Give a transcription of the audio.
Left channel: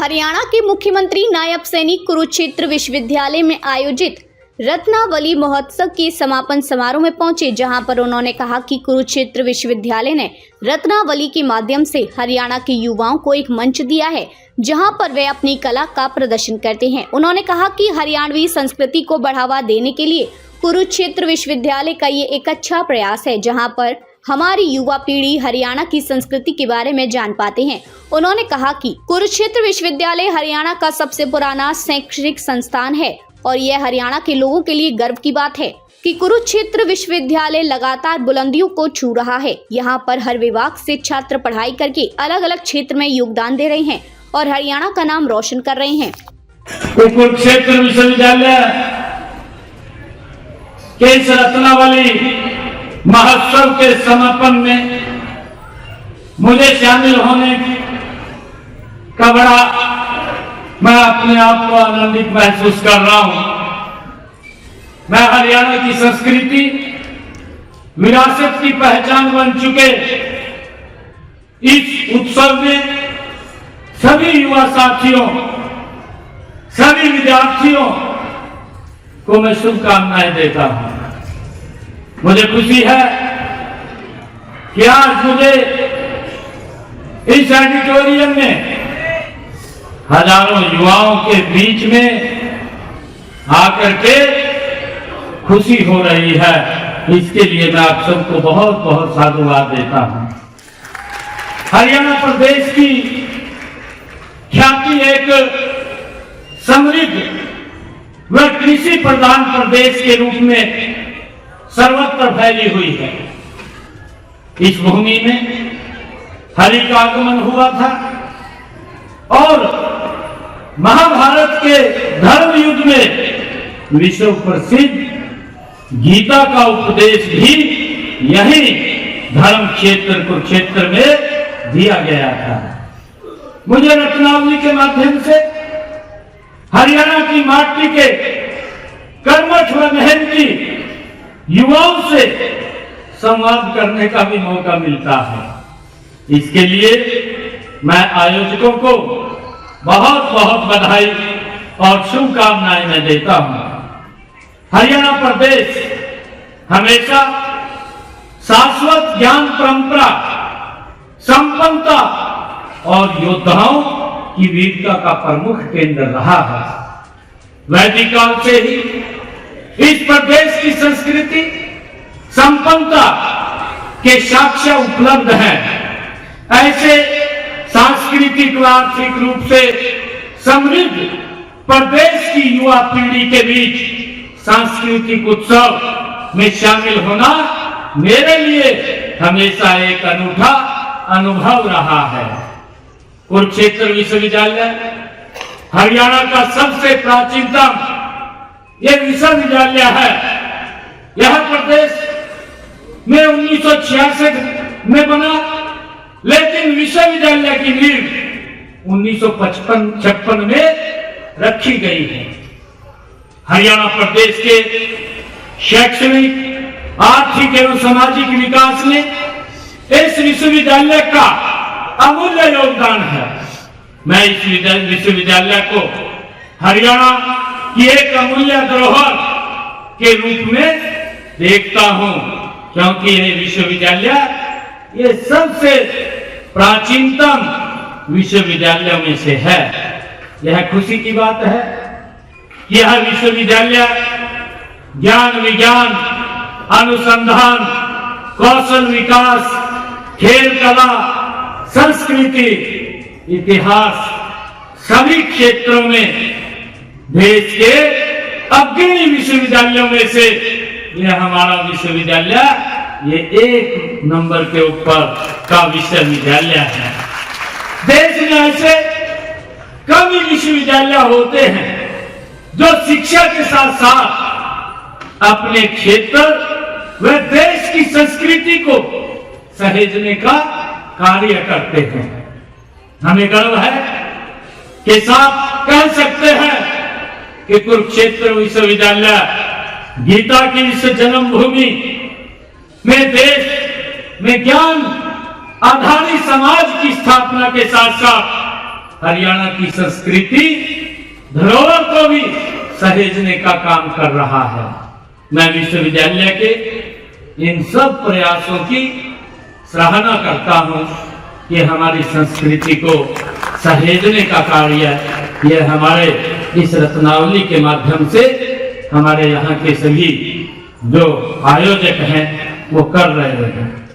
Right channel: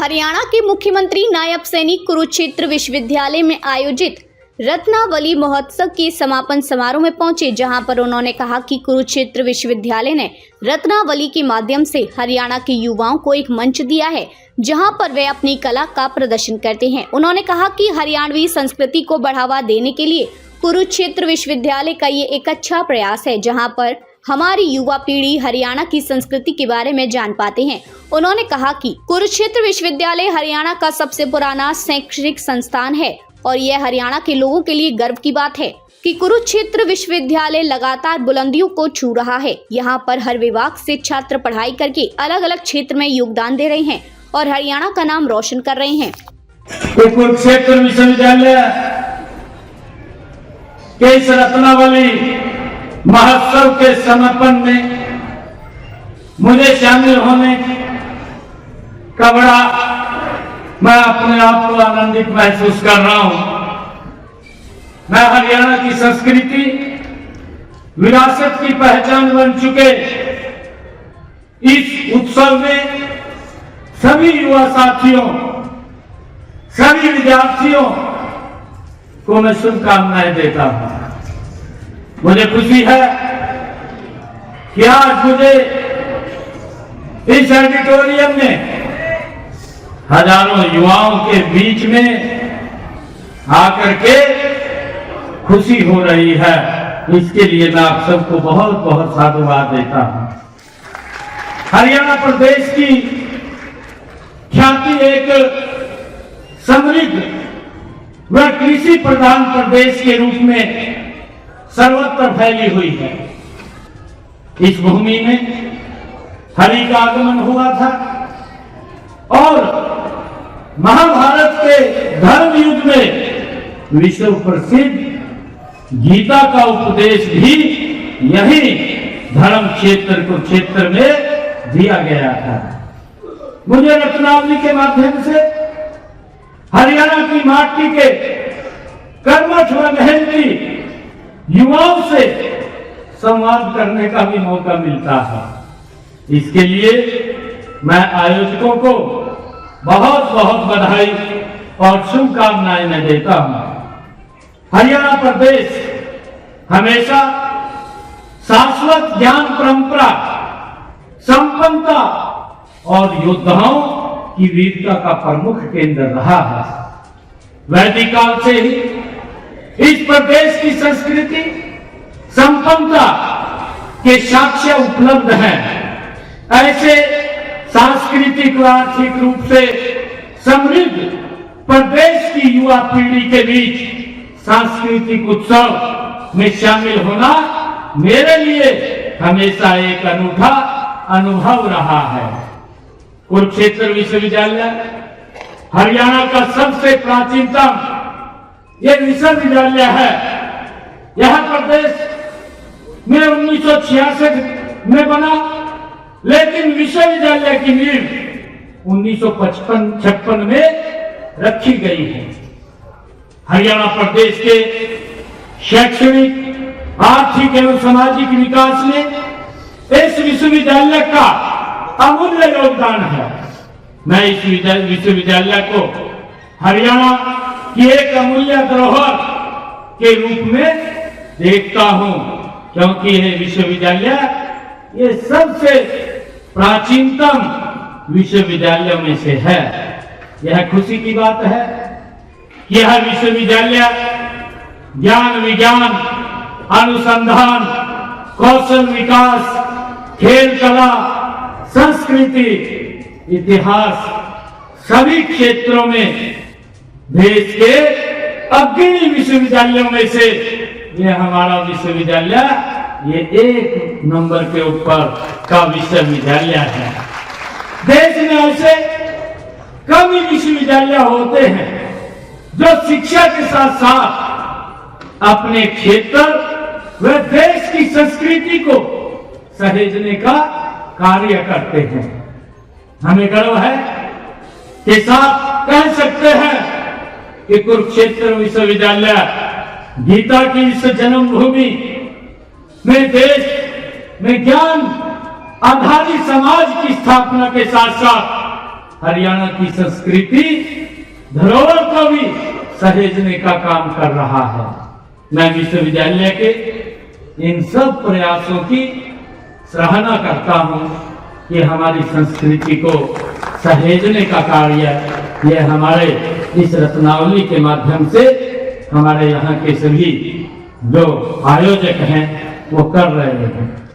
हरियाणा के मुख्यमंत्री नायब सैनिक कुरुक्षेत्र विश्वविद्यालय में आयोजित रत्नावली महोत्सव के समापन समारोह में पहुंचे, जहां पर उन्होंने कहा कि कुरुक्षेत्र विश्वविद्यालय ने रत्नावली के माध्यम से हरियाणा के युवाओं को एक मंच दिया है, जहां पर वे अपनी कला का प्रदर्शन करते हैं। उन्होंने कहा कि हरियाणवी संस्कृति को बढ़ावा देने के लिए कुरुक्षेत्र विश्वविद्यालय का ये एक अच्छा प्रयास है, जहां पर हमारी युवा पीढ़ी हरियाणा की संस्कृति के बारे में जान पाते हैं। उन्होंने कहा कि कुरुक्षेत्र विश्वविद्यालय हरियाणा का सबसे पुराना शैक्षणिक संस्थान है और यह हरियाणा के लोगों के लिए गर्व की बात है कि कुरुक्षेत्र विश्वविद्यालय लगातार बुलंदियों को छू रहा है। यहाँ पर हर विभाग से छात्र पढ़ाई करके अलग अलग क्षेत्र में योगदान दे रहे हैं और हरियाणा का नाम रोशन कर रहे हैं। कुरुक्षेत्र विश्वविद्यालय के इस रत्नावली महोत्सव के समापन में मुझे शामिल होने का मैं अपने आप को आनंदित महसूस कर रहा हूं। मैं हरियाणा की संस्कृति विरासत की पहचान बन चुके इस उत्सव में सभी युवा साथियों, सभी विद्यार्थियों को मैं शुभकामनाएं देता हूं। मुझे खुशी है कि आज मुझे इस ऑडिटोरियम में हजारों युवाओं के बीच में आकर के खुशी हो रही है। इसके लिए मैं आप सबको बहुत बहुत साधुवाद देता हूं। हरियाणा प्रदेश की ख्याति एक समृद्ध व कृषि प्रधान प्रदेश के रूप में सर्वत्र फैली हुई है। इस भूमि में हरि का आगमन हुआ था और महाभारत के धर्म युग में विश्व प्रसिद्ध गीता का उपदेश भी यही धर्म क्षेत्र कुरुक्षेत्र में दिया गया था। मुझे रत्नावली के माध्यम से हरियाणा की माटी के कर्मठ व मेहनती युवाओं से संवाद करने का भी मौका मिलता है। इसके लिए मैं आयोजकों को बहुत बहुत बधाई और शुभकामनाएं मैं देता हूं। हरियाणा प्रदेश हमेशा शाश्वत ज्ञान परंपरा, संपन्नता और योद्धाओं की वीरता का प्रमुख केंद्र रहा है। वैदिक काल से ही इस प्रदेश की संस्कृति संपन्नता के साक्ष्य उपलब्ध हैं। ऐसे सांस्कृतिक व आर्थिक रूप से समृद्ध प्रदेश की युवा पीढ़ी के बीच सांस्कृतिक उत्सव में शामिल होना मेरे लिए हमेशा एक अनूठा अनुभव रहा है। कुरुक्षेत्र विश्वविद्यालय हरियाणा का सबसे प्राचीनतम ये विश्वविद्यालय है। यह प्रदेश में 1966 में बना, लेकिन विश्वविद्यालय की नींव 1956 में रखी गई है। हरियाणा प्रदेश के शैक्षणिक, आर्थिक एवं सामाजिक विकास में इस विश्वविद्यालय का अमूल्य योगदान है। मैं इस विश्वविद्यालय को हरियाणा की एक अमूल्य धरोहर के रूप में देखता हूं, क्योंकि यह विश्वविद्यालय ये सबसे प्राचीनतम विश्वविद्यालयों में से है। यह खुशी की बात है कि यह विश्वविद्यालय ज्ञान, विज्ञान, अनुसंधान, कौशल विकास, खेल, कला, संस्कृति, इतिहास सभी क्षेत्रों में देश के अग्रणी विश्वविद्यालयों में से यह हमारा विश्वविद्यालय ये एक नंबर के ऊपर का विश्वविद्यालय है। देश में ऐसे कम ही विश्वविद्यालय होते हैं जो शिक्षा के साथ साथ अपने क्षेत्र व देश की संस्कृति को सहेजने का कार्य करते हैं। हमें गर्व है के साथ कह सकते हैं कि कुरुक्षेत्र विश्वविद्यालय गीता की इस जन्मभूमि में देश में ज्ञान आधारित समाज की स्थापना के साथ साथ हरियाणा की संस्कृति धरोहर को भी सहेजने का काम कर रहा है। मैं विश्वविद्यालय के इन सब प्रयासों की सराहना करता हूं कि हमारी संस्कृति को सहेजने का कार्य यह हमारे इस रत्नावली के माध्यम से हमारे यहाँ के सभी जो आयोजक हैं वो कर रहे हैं।